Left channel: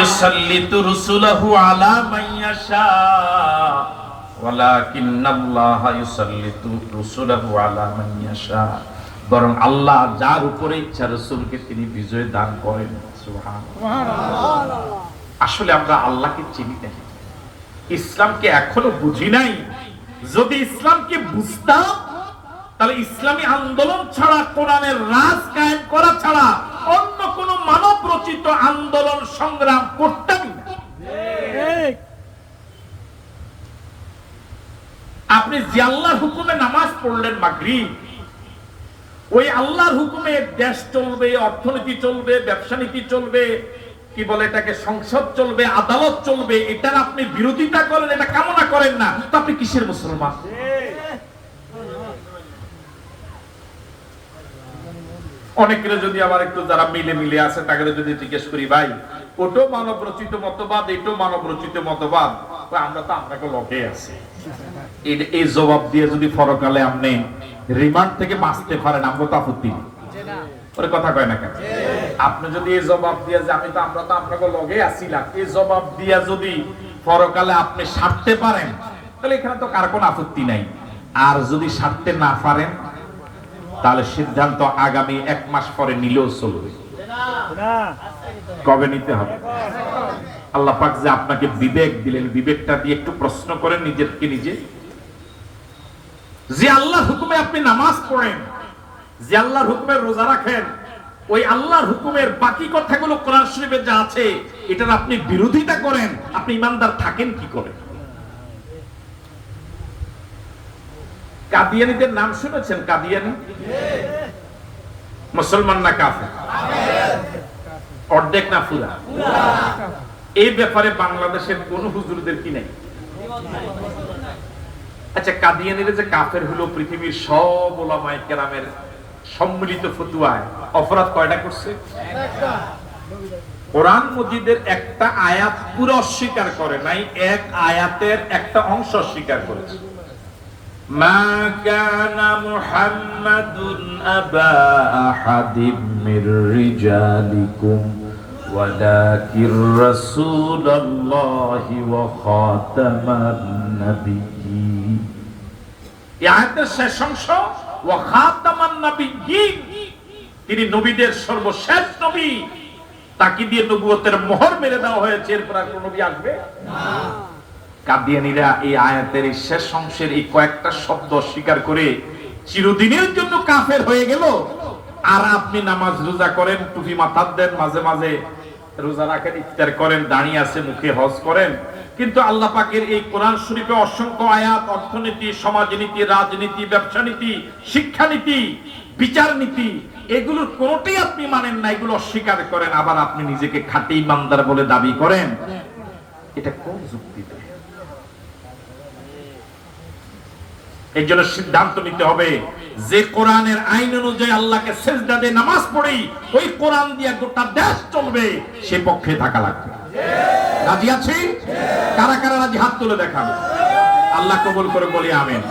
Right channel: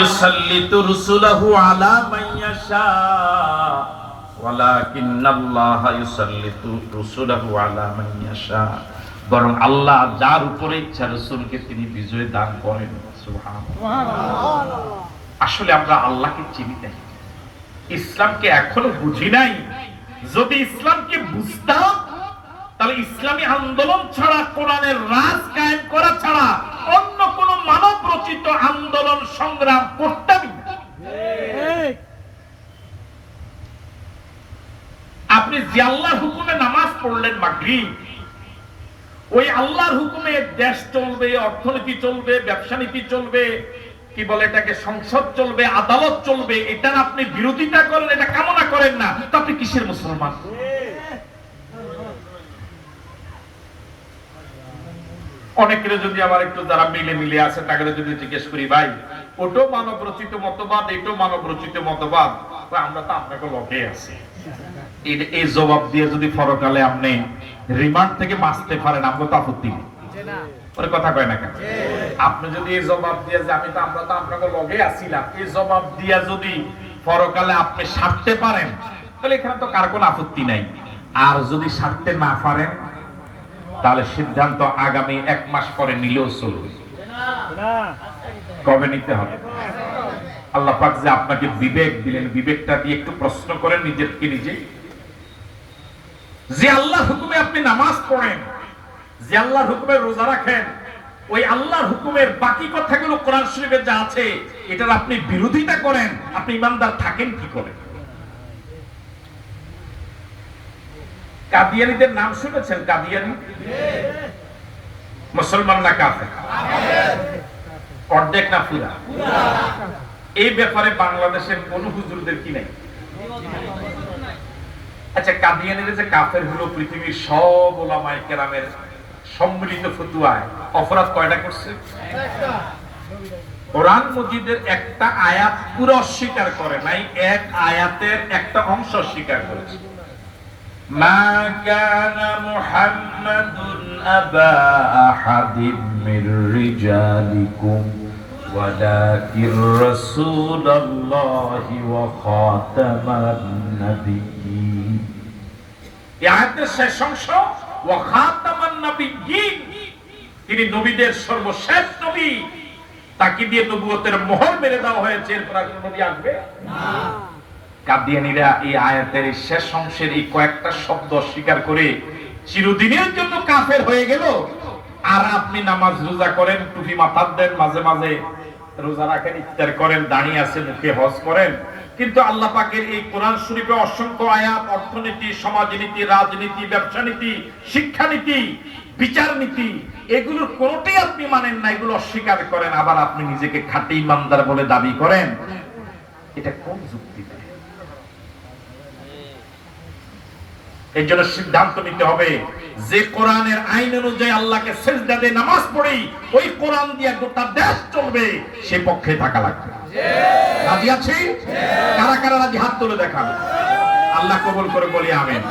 ইউসাল্লিতু রুসুলাহু আলা মান ইয়াশা ওয়ালাকিন্নাল্লাহা ইউসাল্লিতু রুসুলাহু আলা মান ইয়াশা। বরং আল্লাহ যার উপরে ইচ্ছা রাসূলকে তিনি বিজয় দান করেন। সুবহানাল্লাহ। আসলে আমরা আল্লাহকে চিনি না, ইসলামকে এখনো বুঝি নাই। যদি ইসলামকে বুঝতাম তাহলে ইসলামী আন্দোলন ছাড়া, কোরআনের রাজ কায়েম করা ছাড়া অন্য কোন মানব রচিত আন্দোলন সংগ্রাম করতামই না। আপনি যে আল্লাহর হুকুমে নামাজ পড়লেন মাগরিব, ওই আল্লাহর হুকুমে দেশ চলবে, অর্থনীতি চলবে, ব্যবসা নীতি চলবে, কি বলে এটাকে, সংসদ চলবে, আদালত চলবে, এটার আপনি বিরোধিতা করেন, এটা কামনা করেন না, তো আপনি কিসের মুসলমান? অনেকের যদি আবার একটু যারা মিলে আছে তাকে যদি জিজ্ঞেস করি, ভাই ওটাও মানব রচিত মতবাদ, এটাও মানব রচিত মতবাদ, আমরা তো আপনাকে লকে আছি, এই জবাব দিয়ে যদি পরকালে আপনি রিমান্ড থেকে বাঁচতে পারেন, আমরা তো আপত্তি নেই। ওর কথা কয় না কেন? আপনি যদি এই জবাব দিয়ে যে আমরা তো আপনাকে লগে আছিলাম, এই জবাব দিয়ে যদি পরকালে আপনি সারতে পারেন, তাহলে এখানে তো কার কোনো আপত্তি নাই। আর যদি সারতে না পারেন, তাহলে সিদ্ধান্ত আগামী 1 মাস পরে নিলেও চলবে। কবে নিতে হবে? আল্লাহ পাক যে আপনাকে বিবেক দিলেন, বিবেকটা দিয়ে একটু প্রশ্ন করেন নিজেকে নিজে। যে আল্লাহর হুকুমে আপনি নামাজ পড়েন, যে আল্লাহর হুকুমে রোজা রাখেন, ওই আল্লাহর হুকুমের বাকি কথাগুলো কোরআন শরীফে যা আছে এটার আপনি বিরোধিতা করেন, আপনি ইমানদার থাকেন কি করে? কাদিয়ানীদের নাম শুনেছেন? কাদিয়ানী মুসলমান না কাফের? অর্ধেক না পুরা? এই ব্যাপারে বাংলাদেশের কোন হুজুরদের কি নাই? আচ্ছা, কাদিয়ানীরা যে কাফের হলো, পৃথিবীর সব উলামায়ে কেরামের সম্মিলিত ফতোয়ায় অপরাধ কয়টা করছে? কোরআন মজিদের একটা আয়াত পুরো অস্বীকার করে নাই, এক আয়াতের একটা অংশ অস্বীকার করেছে। মা কানা মুহাম্মাদুন আবা আহাদিম মির রিজালিকুম ওয়ালাকির রাসূলুল্লাহি ওয়া খাতামান নাবিয়্যিন। এই আয়াতের শেষ অংশ ওয়া খাতামান নাবিয়্যিন, তিনি নবীদের সর্বশেষ নবী, তাকে দিয়ে নবুয়তের মোহর মেরে দেওয়া হয়েছে, এরপর আর কোন নবী আসবে না। কাদিয়ানীরা এই আয়াতের শেষ অংশের এই কয়েকটা শব্দ অস্বীকার করে চিরদিনের জন্য কাফের হয়ে গেল। আর আপনি নামাজ রোজা করেন, টুপি মাথার দেন, মাঝে মাঝে রোজা রাখেন, ইফতার করেন, দাঁড়িয়ে আছে মুখে হজ করেন, কিন্তু আল্লাহ পাকের এই কোরআন শরীফে অসংখ্য আয়াত অর্থনীতি, সমাজনীতি, রাজনীতি, ব্যবসা নীতি, শিক্ষানীতি, বিচার নীতি, এগুলোর কোনটাই আপনি মানেন না, এগুলো অস্বীকার করেন, আবার আপনি নিজেকে খাঁটি ইমানদার বলে দাবি করেন। এটা কোন যুক্তিতে? এই জন্য সিদ্ধান্ত নিতে হবে যে কোরআনের আইন অনুযায়ী আল্লাহকে সিজদা দিয়ে নামাজ পড়ি, ওই কোরআন দিয়ে গোটা দেশ চলবে, সে পক্ষে থাকা লাগবে। রাজি আছি? কারা কারা রাজি? হাত তুলে দেখান। আল্লাহ কবুল করে বলি আমিন।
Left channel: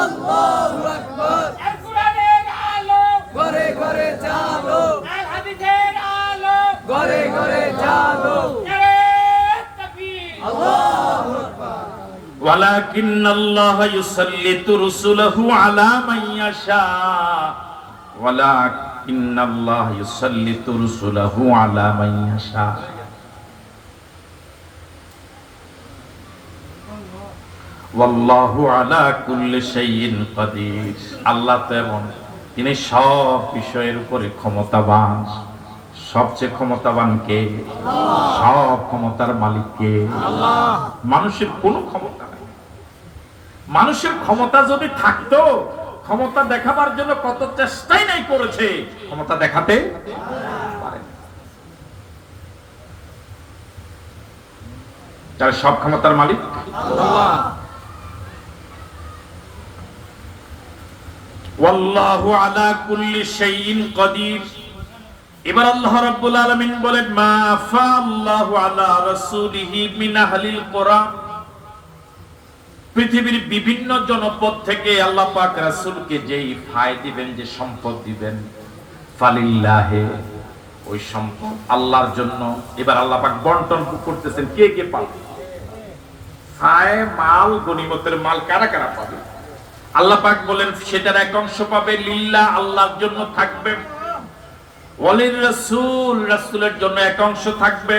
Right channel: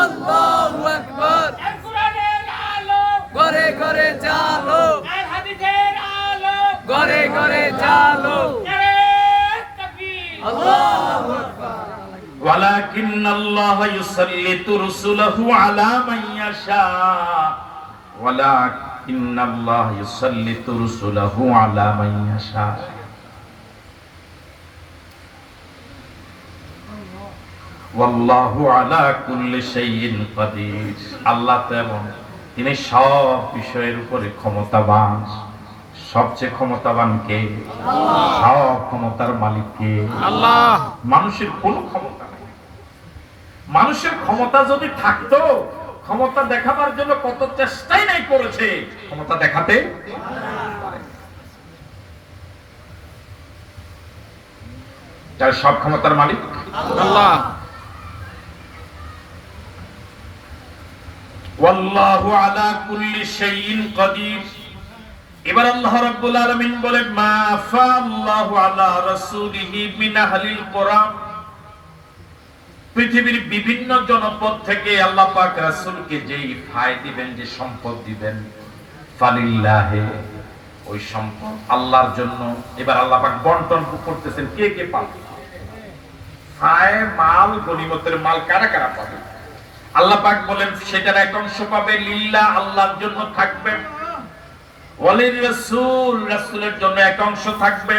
আল্লাহু আকবার। কোরআনের আলো ঘরে ঘরে জালো, হাদিসের আলো ঘরে ঘরে জালো। আল্লাহু আকবার। ওয়ালাকিন্নাল্লাহা ইউসাল্লিতু রুসুলাহু আলা মান ইয়াশা, ওয়ালাকিন্নাল্লাহা ইউসাল্লিতু রুসুলাহু আলা মান ইয়াশা। ওয়াল্লাহু আলা কুল্লি শাইইন কাদির। আল্লাহ তেমন, তিনি সব বিষয়ের উপরে ক্ষমতাবান। সবচেয়ে ক্ষমতাবান কে? সব ক্ষমতার মালিক কে? আল্লাহ। মানুষের কোনো ক্ষমতা নেই। মানুষের ক্ষমতা যদি থাকতো, ক্ষমতা দেখাবার জন্য কত চেষ্টাই নাই করেছে, ক্ষমতা দেখাতে পারে। তার সব ক্ষমতার মালিক আল্লাহ। ওয়াল্লাহু আলা কুল্লি শাইইন কাদির। এবার আল্লাহ রাব্বুল আলামিন বলেন, মা আফাল্লাহু আলা রাসূলিহি মিন আহলিল কুরআ। পৃথিবীর বিভিন্ন জনপদ থেকে আল্লাহ পাক রাসূলকে যেই ফায় দিবেন, যে সম্পদ দিবেন, ফালিল্লাহি ওই সম্পদ আল্লাহর জন্য। এবার আল্লাহ পাক বন্টন করতেছেন, কে কে পাবে? ফায়ে মাল, গনিমতের মাল কারা কারা পাবে? আল্লাহ পাক বলেন সেটার এক অংশ পাবে লিল্লাহ, আল্লাহর জন্য থাকবে। ওয়ালির রাসূল, রাসূলের জন্য এক অংশ থাকবে।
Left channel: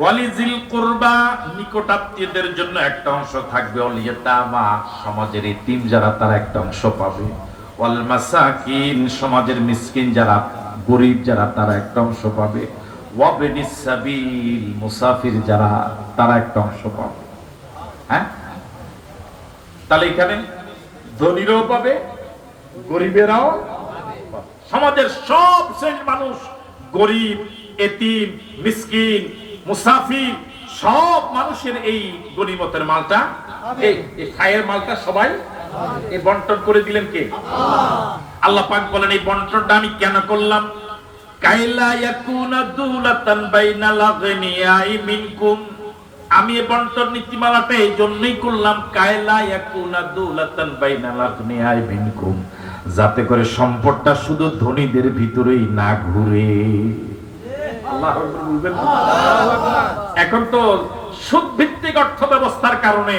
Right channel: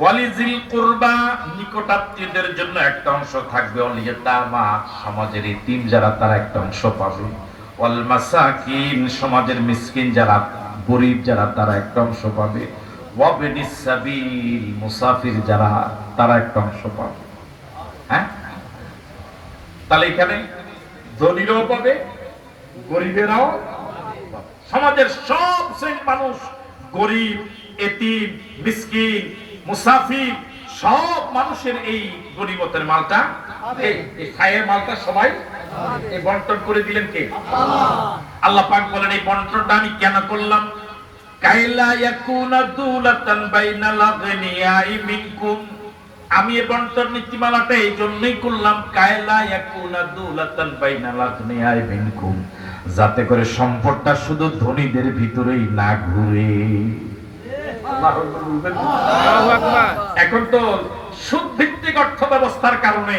ওয়ালিজিল কুরবা, নিকটাত্মীয়দের জন্য একটা অংশ থাকবে। ওয়াল ইয়াতামা, সমাজের এতিম যারা তারা একটা অংশ পাবে। ওয়াল মাসাকিন, সমাজের মিসকিন যারা, গরীব যারা তারা একটা অংশ পাবে। ওয়াবনিস সাবিল, মুসাফির যারা তারা একটা অংশ পাবে। হ্যাঁ, তাহলে এখানে ধনীরাও পাবে, গরিবেরাও পাবে। সমাজের সব শ্রেণীর মানুষ, গরিব, এতিম, মিসকিন, মুসাফির, সব মানুষের এই গনিমতের মালটা, এই খায়ের মালটা সবাই এই বন্টন করে দিলেন কে? আল্লাহ পাক বলেন এই বন্টনটা আমি কেন করলাম? কাইলা ইয়াকুনা দুলাতান বাইনাল আগনিয়াই মিনকুম, আমি এই বন্টন নীতিমালাটা এই জন্যই করলাম, কাইলা ইয়াকুনা দুলাতান বাইনাল আগনিয়াই মিনকুম, যাতে করে সম্পদটা শুধু ধনীদের ভিতরেই না ঘুরে। এখন তো সুদ ভিত্তিক অর্থ ব্যবস্থার কারণে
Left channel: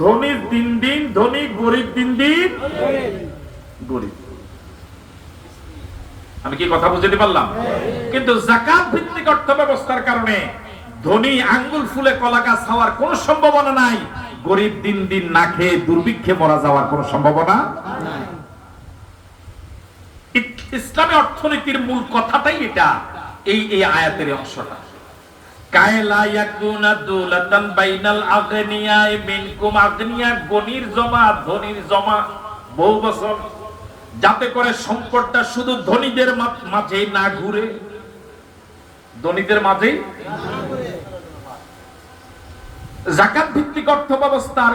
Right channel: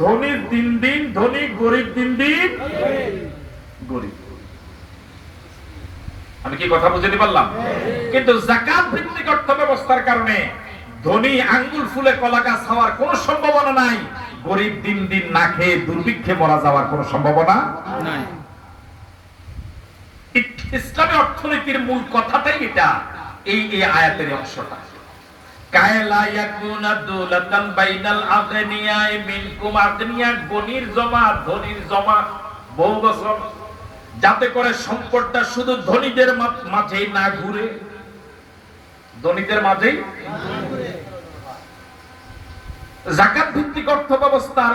ধনীর দিন দিন ধনী, গরিব দিন দিন গরিব। আমি কি কথা বুঝতে পারলাম? কিন্তু যাকাত ভিত্তিক অর্থ ব্যবস্থার কারণে ধনী আঙ্গুল ফুলে কলা গাছ হওয়ার কোনো সম্ভাবনা নাই, গরিব দিন দিন না খেয়ে দুর্ভিক্ষে মারা যাওয়ার কোনো সম্ভাবনা নাই। ইসলামী অর্থনীতির মূল কথাটাই এটা, এই আয়াতের অংশটা। কায়লা ইয়াকুনা দুলাতান বাইনাল আগনিয়াই মিনকুম, আগনিয়া গনির জমা, ধনীর জমা বহু বছর, যাতে করে সম্পদটা শুধু ধনীদের মাঝেই না ঘুরে, ধনীদের মাঝেই। যাকাত ভিত্তিক অর্থ ব্যবস্থার,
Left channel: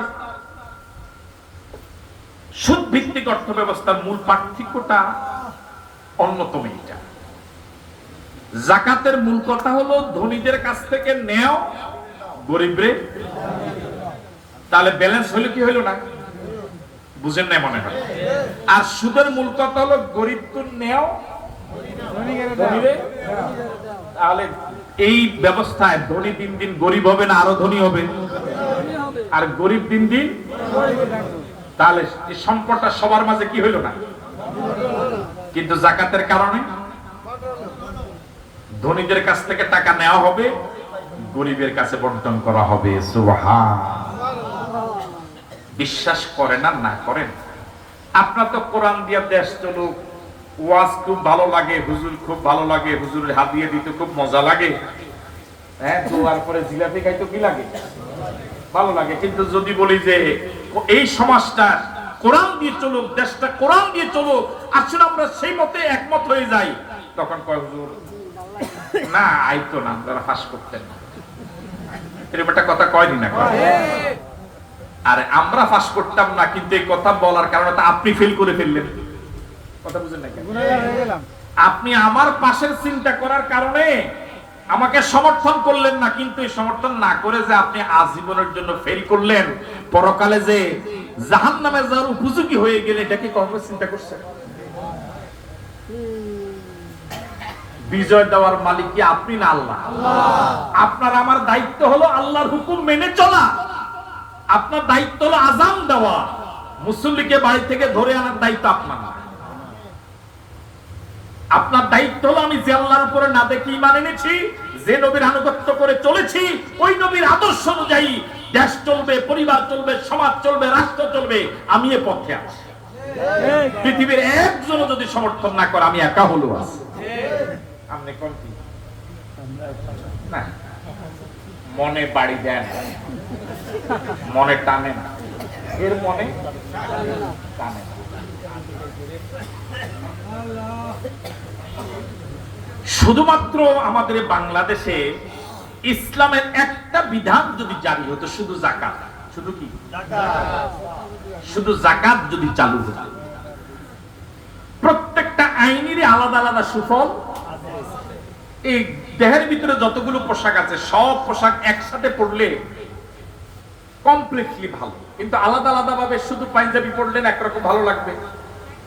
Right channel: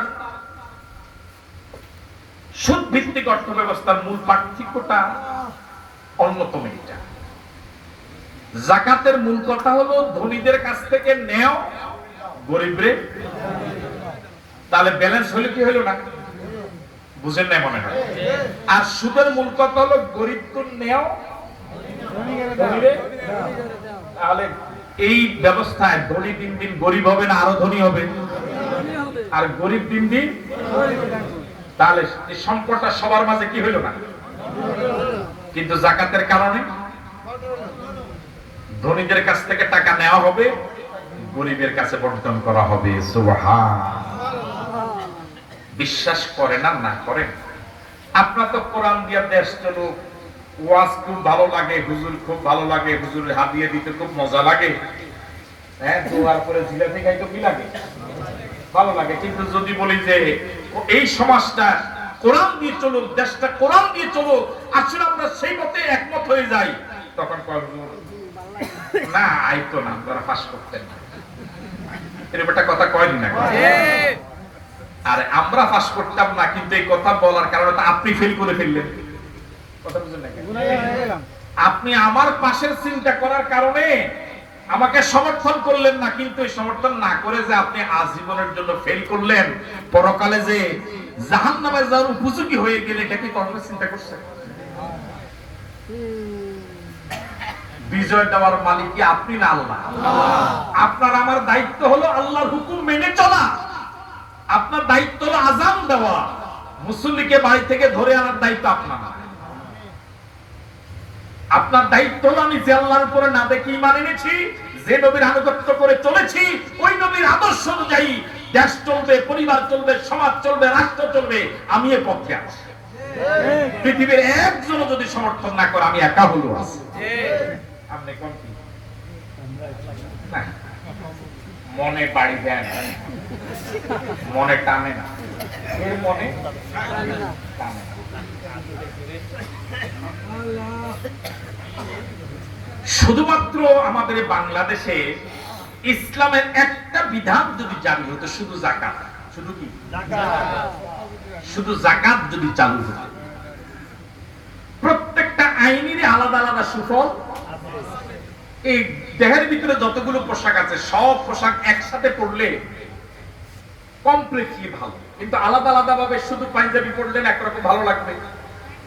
সুদ ভিত্তিক অর্থ ব্যবস্থার মূল পার্থক্যটা অন্যতম এটা। যাকাতের মূল কথা হলো ধনীদের কাছ থেকে নেও, গরিবরে। তাহলে ব্যালেন্স হলো কি হলো না? বুঝেন না মনে হয়। আর সুদের মূল কথা হলো গরিবকে নেও, তাহলে এই ব্যবস্থায় ধনী দিন দিন গরিব হবে না আরো ধনী হবে, আর গরিব দিন দিন, তাহলে এই সম্পদটা সবার মাঝে কি হইল না? কিন্তু যাকাতের কারণে ধনীদের কাছ থেকে টাকা নেওয়া হবে, গরিবের কাছে বন্টন করা হবে। সুবহানাল্লাহ। বিশ্বাস করেন আর না করেন, আপনার তো কোরআন দিয়া দেশ চলুক, ওয়াজ খুব ভালো লাগে, হুজুর খুব ভালো লাগে, হুজুরের হাদিয়া দিতে খুব মজা লাগে, হ্যাঁ, দোয়ার পরে জিলাপি খাইতে কি লাগে? ভালো লাগে। কিন্তু যদি বলি যে এই সমাজটা কোরআন দিয়ে চলুক, দেশটা কোরআন দিয়ে চলুক, আসলে আমরা সেই মতে একমত হয়ে যাই, তখন কয় হুজুর না আইতো না, তারা ফাঁস করতেন না। এরকম একটা কথা কয়নি না? আর আমরা ফাঁস করতাম না, কিন্তু এই কথা বলার কারণে আপনি ফেল করে ফেললেন। কথা বুঝলেন নাকি? আপনি আমার পাশের চিন্তা করার কারণে আমাকে সমর্থন করলেন না, কিন্তু এই সমর্থন না করে যে আপনি আজীবনের জন্য ফেল করলেন, পরকালে যে জাহান্নামে যাওয়ার উপযোগী হয়ে গেলে, এটা কি কখনো চিন্তা করছেন? বিজয় দেওয়ার মালিক কি আপনি না আল্লাহ? আপনার আমার দায়িত্ব হলো আল্লাহর হুকুম মেনে চলা, আপনার দায়িত্ব হলো আযান দেওয়া, মুসল্লিকে বাড়ি থেকে ধরে আনার দায়িত্ব আপনার। আপনার দায়িত্ব হলো আমি যে আল্লাহর উপরে না দেখে ঈমান এনেছি, যে নবীর আনুগত্য করে চলেছি, ওই নবীর আদর্শ অনুযায়ী দেশ চলবে, পরিবার চলবে, সমাজ চলবে, রাষ্ট্র চলবে, আমি এ পথে আছি। পৃথিবীর একজনও যদি সমর্থন না করে আমি একা হলো আছি। আপনি কোন কি না মনে বাড়ি দেন, মনে টানে না, এর মনে টানে না। শুধুমাত্র আমাদের বাংলাদেশে ইসলামের একটা বিধান যদি জারি হতো, শুধু যাকাত, শুধু কি শুধু যাকাত যদি চালু হতো, প্রত্যেকটা আইনেরই আলাদা আলাদা সুফল। এই দেহের ভিতরে যতগুলো পোশাক আছে, সব পোশাক একসাথে পড়লে কমপ্লিটলি ভালো, কিন্তু আলাদা আলাদা ভাবে শুধু পাঞ্জাবি পড়লেন একরকম ভালো লাগবে,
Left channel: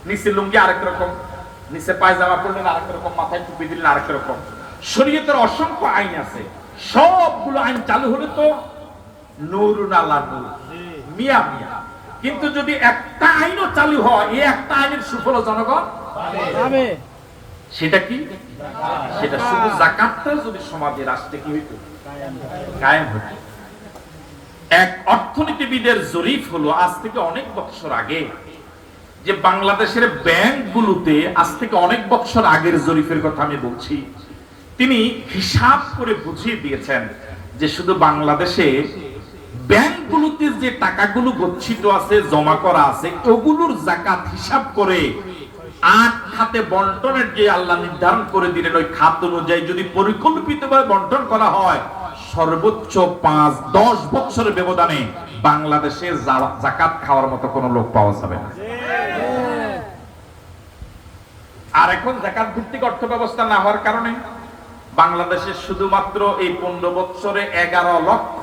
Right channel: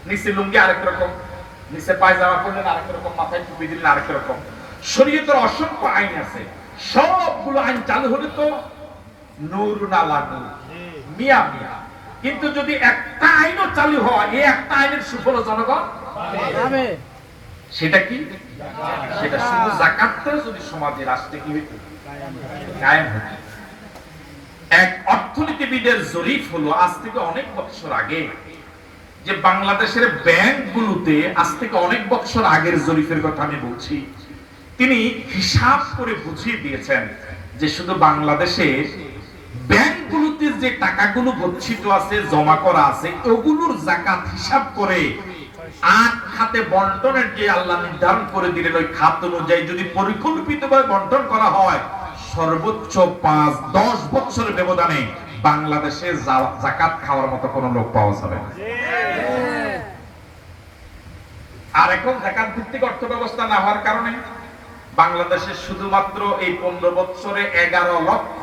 নিচে লুঙ্গি আরেক রকম, নিচে পায়জামা পরলেন আরেক রকম, মাথায় টুপি দিলেন আরেক রকম। শরীয়তের অসংখ্য আইন আছে, সবগুলো আইন চালু হলে তো নূরুন আলা নূর, মিয়া মিয়া। কিন্তু যদি একটা আইনও চালু হয়, এই একটা আইনের সুফল জনগণ পাবে। সেটা কি? সেটা শুধু যাকাতটা যদি সমাজে রাষ্ট্রে কি হইতো কায়েম হতো। এক অর্থনীতিবিদের জরিপ হলো আজ থেকে অনেক বছর আগে, যে বাংলাদেশের ব্যাংকগুলোতে আজ থেকে অনেক বছর আগের জরিপের কথা আমি বলছি। তিনি হিসাব করে বুঝিয়ে দিয়েছেন যে শুধু বাংলাদেশে ব্যাংকগুলোতে যে টাকাগুলো গচ্ছিত আছে, জমা করা আছে, ওগুলোর যাকাত হিসাব করে ৮ খাতে বন্টনের যে আল্লাহ নির্ধারণ করে দিলেন, ওই খাত অনুযায়ী যদি পরিকল্পিতভাবে বন্টন করা হয়, সর্বোচ্চ ৫-১০ বছরের ব্যবধানে বাংলাদেশে যাকাত খাওয়ার মতো কোন লোক পাওয়া যাবে না। আর এখন যাকাত ভিত্তিক অর্থ ব্যবস্থা না হওয়ার কারণে বাংলাদেশে শুধুমাত্র এই ১৫ বছরে ১১ লক্ষ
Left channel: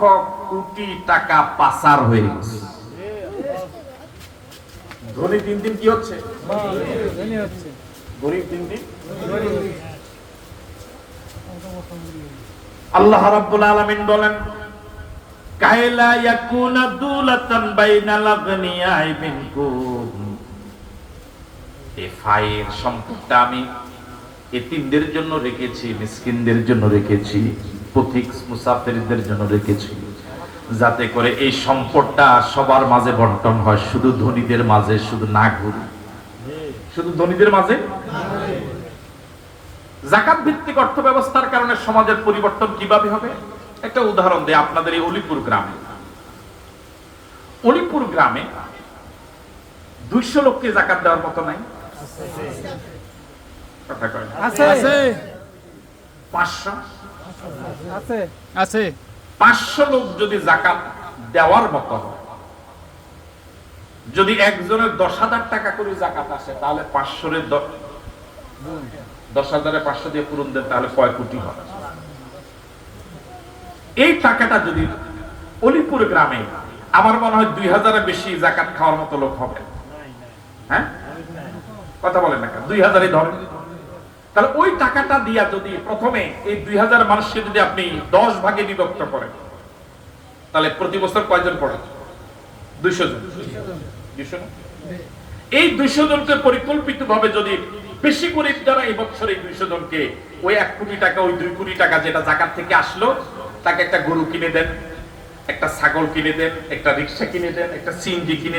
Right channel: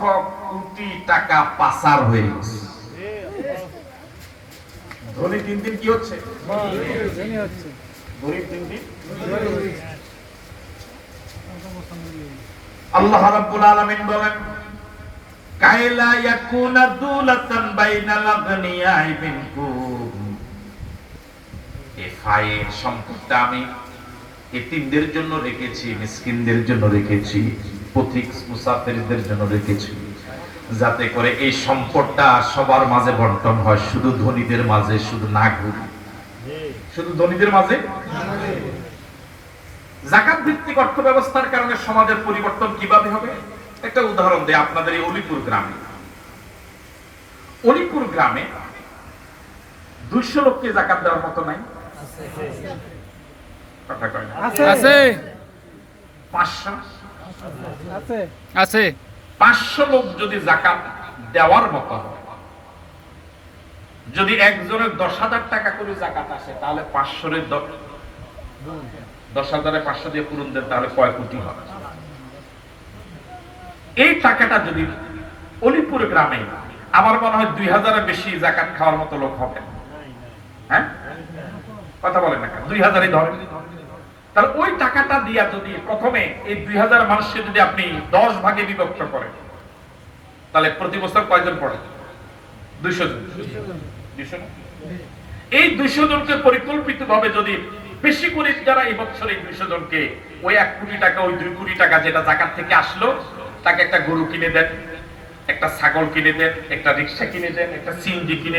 কোটি টাকা পাচার হয়ে গেছে। ধনী দিন দিন কি হচ্ছে? গরিব দিন দিন। আল্লাহ রাব্বুল আলামিন বলেন, কাইলা ইয়াকুনা দুলাতান বাইনাল আগনিয়াই মিনকুম, এই ফায়ের সম্পদটা আমি এতিমদের জন্য রেখেছি, মিসকিনদের জন্য রেখেছি, পথিক মুসাফিরদের জন্য রেখেছি, যাতে করে এই সম্পদটা সবার মাঝে বন্টন হয়, শুধু ধনীদের মাঝে শুধু না ঘুরে, শুধু ধনীদের মাঝে। যাকাত ভিত্তিক অর্থ ব্যবস্থার কারণে সমাজের পরিবর্তন কিভাবে হবে? একটা উদাহরণ দেয় আপনাদের এই অলিপুর গ্রামে। অলিপুর গ্রামে ২০০ লোককে যাকাত দেওয়ার মতো নাই? কথা কয় না? আছে ৫০০ আছে ৫০০ লোক যদি যাকাত দেওয়ার মতো হয়, যদি একজনের ১০,০০০ টাকা করে যাকাত আসে, তাহলে ৫০০ 10,000 500 দিয়ে পূরণ দেন, তাহলে কয় কোটি হয়? এই টাকাটা যদি অলিপুর গ্রামে, আমার মনে হয় ২,০০০ বেশি যাকাত খাওয়ার মতো লোক হবে। হ্যাঁ, কথা বলেন না, ২,০০০ ধরেন। তাহলে ওই টাকাটা দিয়া যদি প্রথমে এই ২,০০০ মানুষকে যদি আপনি 10 ভাগে বিভক্ত করেন, তাহলে প্রতি বছর কয়জন পড়ে? ২০০ জন। ২০০ না? এই ২০০ জনকে পরিকল্পিত ভাবে যদি বেশি করে যারা এই বছর এই ২০০ জনকে ওই ১ কোটি টাকা, ওই ২ কোটি টাকা যেটা যাকাত থেকে আসলো, তাকে একটা গরু কিনে দেন, একটা ছাগল কিনে দেন, একটা রিক্সা কিনে দেন, একটা সিএনজি কিনে